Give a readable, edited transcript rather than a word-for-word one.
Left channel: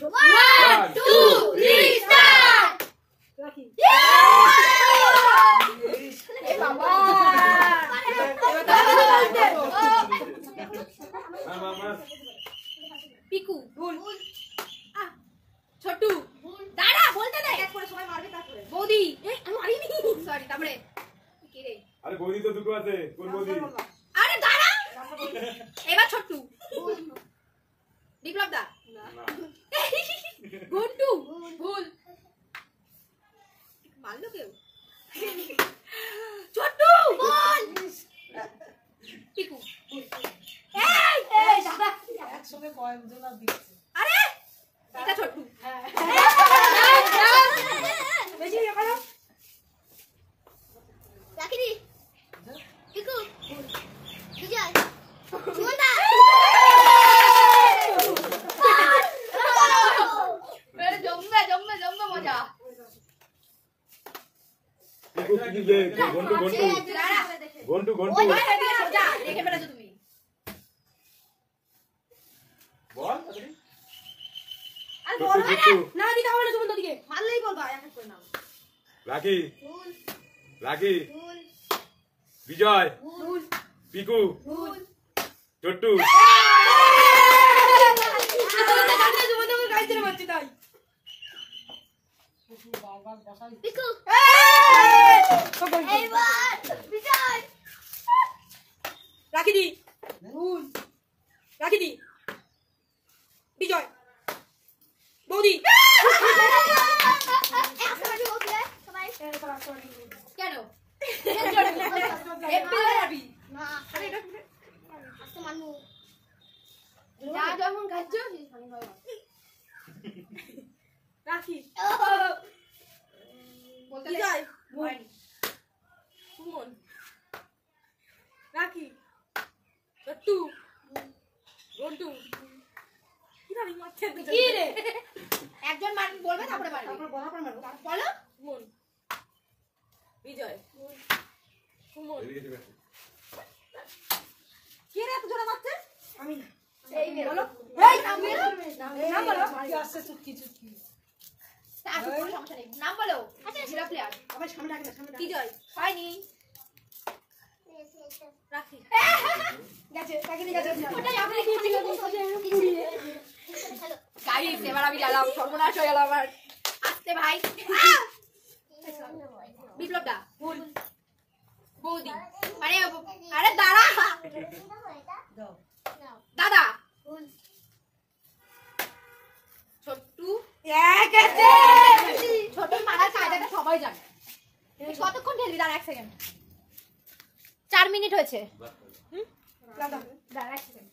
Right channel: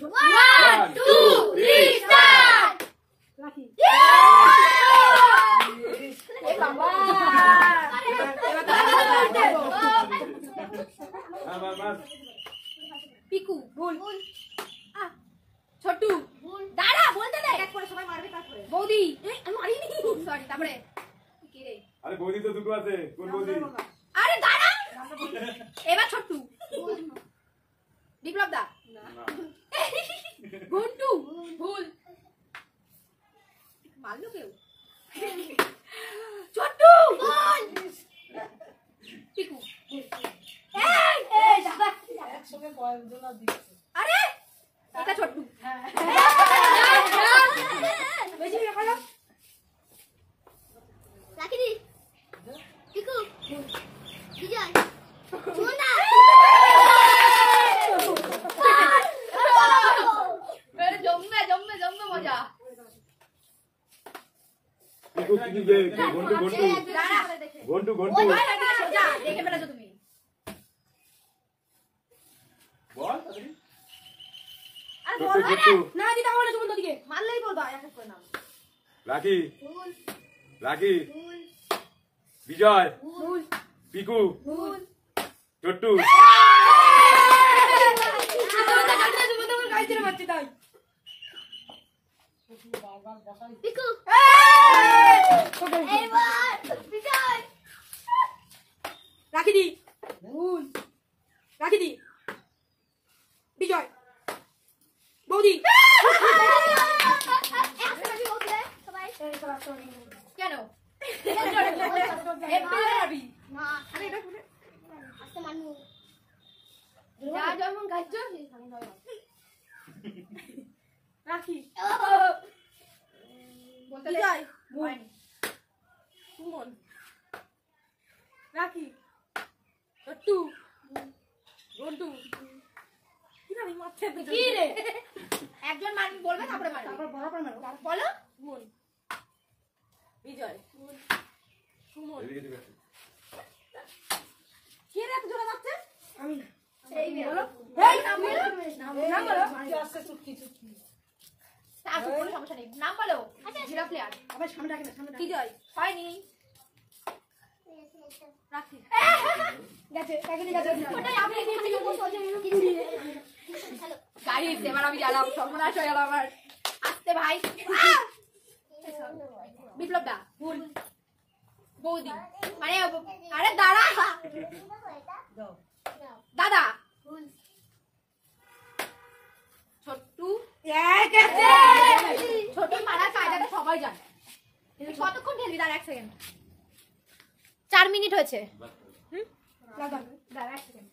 1 2 3 start রাখি এ বাবা পিকু ভুল ছোটু ভুল দাঁড়া বলতে দে এক করে সবাই মারবে তারপরে বৌদি আমি মারিনি সরি তারপরে কি রে আরে বৌদি তো দুটো আছে কোন বৌদি আরে দাঁড়া এবার ছোটু বিপ্লব দা না গুন্টু ভুল মারলো কেউ ছোটু ভুল পিকু এই দাদা একসঙ্গে কয়েকজন দিচ্ছে আরে এটা ছোটু বেশি করো রাখি দি পিকু বিজয় সুমনা এর জমবে মজা পিকু কি বে গন্টু গন্টু ওই সোজা দেখে ফেলেছো তুমি বল আর বল না দিদা বলে তুমি দিকে মারলেই বলবা এক করে নাও রাখি রাখি বিজয় ভুল পিকু ভুল ছোট্টু পিকু এইবার বিজয় রাখি দি ভুল রাখি দি বিজয় বৌদি কেন যেমন খাচ্ছ রাখি বলতে যাই সুমন রাখি টট্টু গন্টু কি রে একজন মান বলবে তারপরে মারবে তারপর বরাবর মারবে বলো সুমন বিজয় সুমন কে রে এত জোরে মারছে আমি না এই বলো এই নাম বলো কি আছে চুটকি স্টার্ট করো সমস্যা নেই নাম বলো আচ্ছা জিরা প্লেয়ার আবার সামনে রাখি না সামনে বিজয় হয়নি রাখি গেছে ওটাই আপনি গাইস এবার আমি গেলাম সর্বনাশ হয়ে গেল আমার আসতে ভাই বিপ্লব দা ভুল বৌদি মানে আরে দাঁড়া দাদা ভুল ছোট্টু ছোট মারার কাজ এটা সবাই জানে তুই কতক্ষণ ঢেলবি দাঁড়া 1 সেকেন্ড 4 মিনিট হয়েছে দাঁড়া 1 সেকেন্ড